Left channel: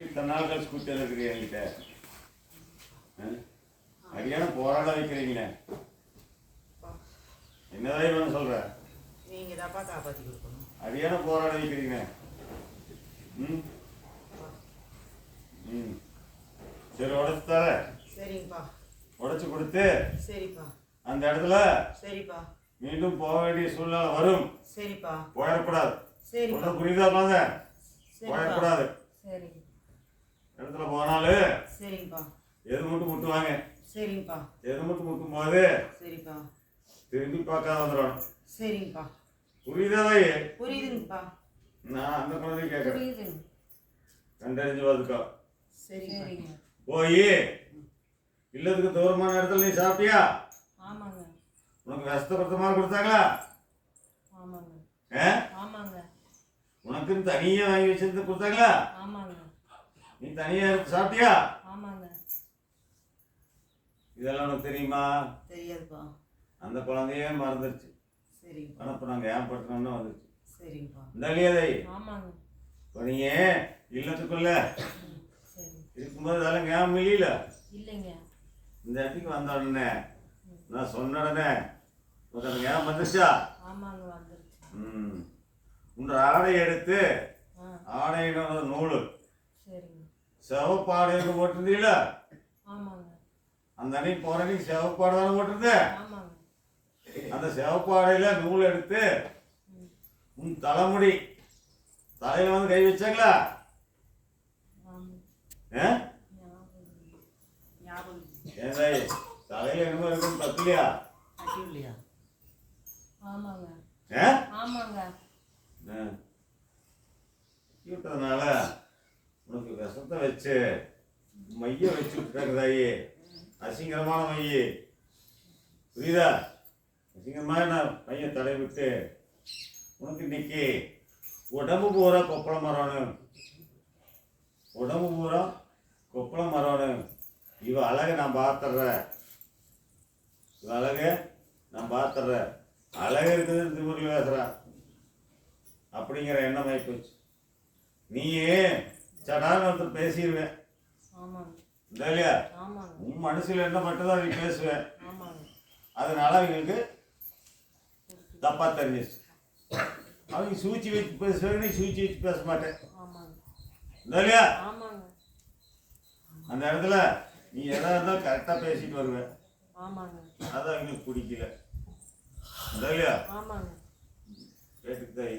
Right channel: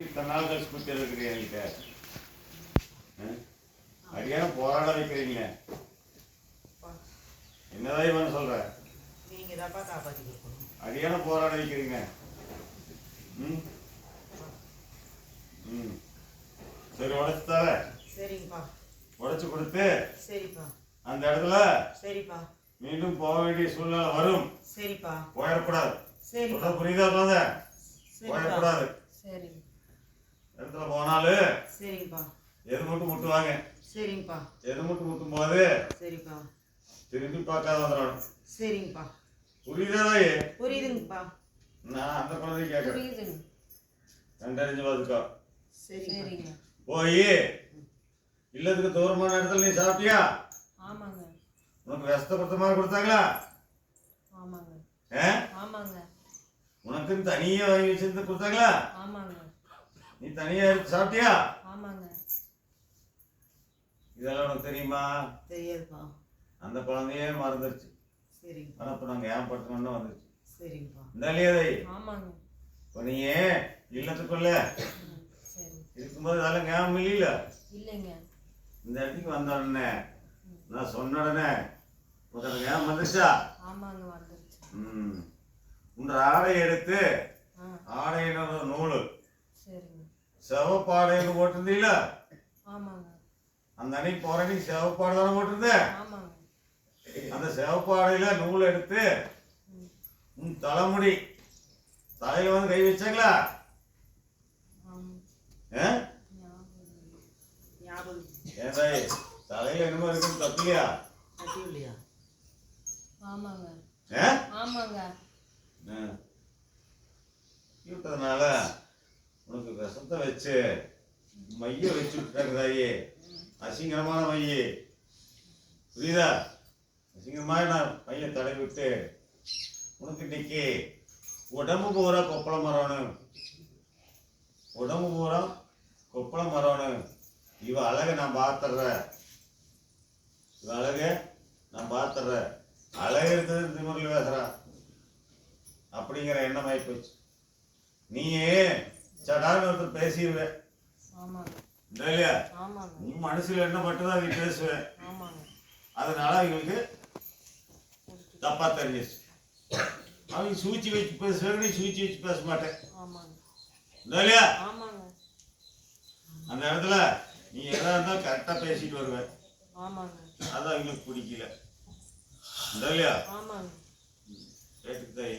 இத்தனை நாள் கழிச்சு குத்தி இருக்கிறீங்க என்கிட்ட அடியான போராட வைக்கிறீங்களே, என்னதான் இவன் சொல்ற? நீங்க தான்ப்பா காப்பாத்தி கொடுக்கணும். அடியான போராட வைக்கிறீங்க. ம் ம் சரி, உடைச்சு தர. சரிங்கப்பா. உடைச்சு கொடுத்து சரிப்பா அந்த இடத்துல சரிப்பா மீண்டும் போக வேண்டிய சூழ்நிலை வரும். சரிப்பா. போயிடக்கூடாது. சரி புரியுதா? போயிடக்கூடாது. சரி இடத்துல போனாலும் சரிங்கப்பா. எது மட்டும் முட்டுவாங்க. சரிங்கப்பா. எது மட்டும் முட்டும் போது சரிப்பா திரும்பி பார்க்காத வந்துடணும். சரிங்கப்பா. புரியுதா? புரியுதுங்கப்பா. நான் அந்த குழந்தைய கேட்கறேன், புரியுதுங்க. கண்டறிஞ்சு பார்த்துக்கோ. சரிங்க. போய் இல்லத்துக்கு தூரமான இடத்துல நீ சாப்பிட்டியா? ஆமாங்க. உனக்கு விஷத்தை மாதிரி கொடுத்தாங்களா? ஆமாங்க. ஆமாங்க. உனக்குன்னு தனியா வாங்கி வச்சிருந்து கொடுத்தாங்களா? ஆமாங்க. நீ தனியா எடுத்து சாப்பிட்டியா? ஆமாங்க. இதெல்லாம் உனக்கு தெரியுமா? தெரியாதுப்பா. அந்த குழந்தையே மறந்துருச்சு. சரிங்க. ஆனால் இப்போ நாங்கள் ஏற்படுத்தணும்னு வந்துருச்சு. சரிங்கப்பா. இந்த இல்லையாதை ஆமாங்க. இப்போ நீ இல்லத்துக்குள்ள சரி இருக்கும்போது அதெல்லாம் ஞாபகம் இல்லையில? இல்லைங்க. இந்த இடத்துக்கு வந்த உடனே நான் சொன்ன உடனே உனக்கு அந்த ஞாபகம் வந்துருச்சா? ஆமாங்க, வந்துருச்சு. உன்ற ஆடை எடுத்து ஆடையின நூல் சரிங்க. செவப்பாடைன்னு போட்டிருந்தீங்கள? ஆமாங்க. அந்த அன்னைக்கு போற அன்னைக்கு செவப்பாடை தானே போட்டிருந்த? ஆமாங்க. அந்த செவப்பாடையில நூல் எடுத்து உன் தலைமுடி தலையில வந்து கை வச்சாங்களா? ஏன் தாய் தலையில என்னமோ இருக்கும், தப்பில்லையா? ஆமாங்க. ஆமாங்க. விட்டதுனால உனக்கு விஷத்தை வச்சு மைய வச்சு விட்டுட்டாங்க தாயி. அசிங்கரமான மைய, புரியுதா? அசிங்கமாக நான் மைய தடை விட்டு உனக்கு இன்னைக்கு உடம்பு பூரா கொப்பளம் மரணும். உடம்பு பூரா கொப்பளம் மரணும். இவ அழகை நான் பார்த்துட்றேன். இவ அழகை நான் பார்த்துட்றேன். அழகு இருக்குது திமுறில் பேசுறா அப்படிங்கிற எண்ணம் ஆகி போச்சு. நீயே சடான்னு ஒருத்தர் பேசிடுவேன் இல்லையா? உன் மனசுல என்ன மட்டும்தான் நீ பேசுவேன். அதனால அவங்களுக்கு தப்பா தெரிஞ்சிச்சு. அவங்க சூழ்ச்சி வச்சு பேசுவாங்க, நீ சூழ்ச்சி வச்சு பேச மாட்டேன் இல்லையா? அந்த இடத்துல நீ எதா இருந்தாலும் கரெக்டாக பேசிட்டு வருவேன். அதான் அவங்களுக்கு பிடிக்கல இல்லையா? கேட்டுக்கிட்டாய்.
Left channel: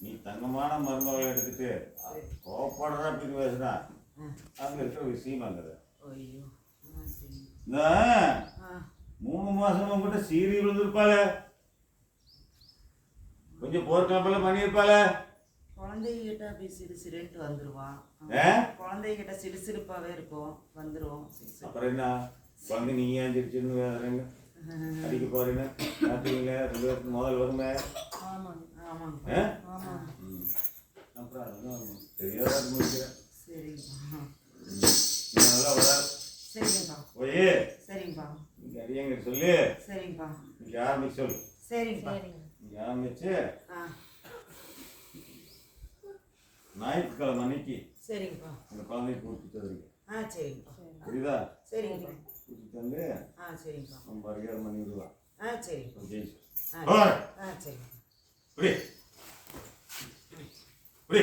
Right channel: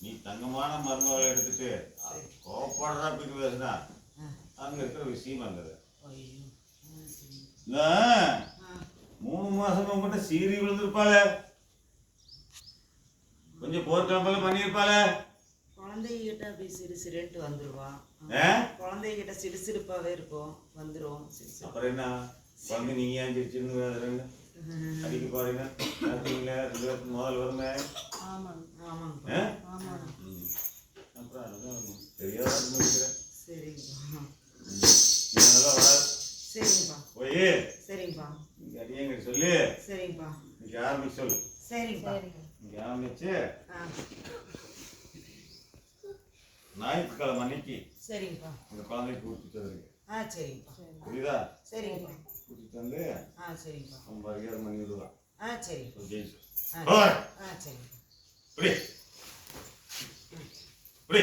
நீ தங்கமான மருமகளை எடுத்துட்டு கோப்படுறா அப்படி பேசுனா அங்க இருக்கிற விஷயம் அங்குது. 3 மாசம் உங்ககிட்ட சீரி விழுந்திருப்பாள, கொஞ்சம் போர்க்காம்பெல்லாம் பண்ணியிருப்பாள. குழந்தைகிட்ட அப்படி சிறுசிறுன்ட்டு வந்துருவான். குழந்தைகிட்ட சிறுசிறுப்பாவே இருக்கும், வந்துருவோம். அப்புறம் என்ன குழந்தை நீங்க ஏஞ்சிருச்சுன்னு வேறுங்க அடிக்க போறீங்க பார்த்தீங்களா? 2 பேருக்கு முதல் வருமே. அப்புறம் தெரியாத முடிக்கிறேன். நல்லா வராது. போய் இங்க அடியங்க சொல்லு. இங்க ஆரம்பிச்சு சொல்லு. இங்க ஆரம்பிச்சு ஞாயிற்றுக்கிழமை அன்னைக்கு அந்த குழந்தைய கூட்டிட்டு வந்துருக்கு. புரியுதா? கூட்டிட்டு வந்து நம்ம மரியாதை பண்ணி விடுவா. புரி புரி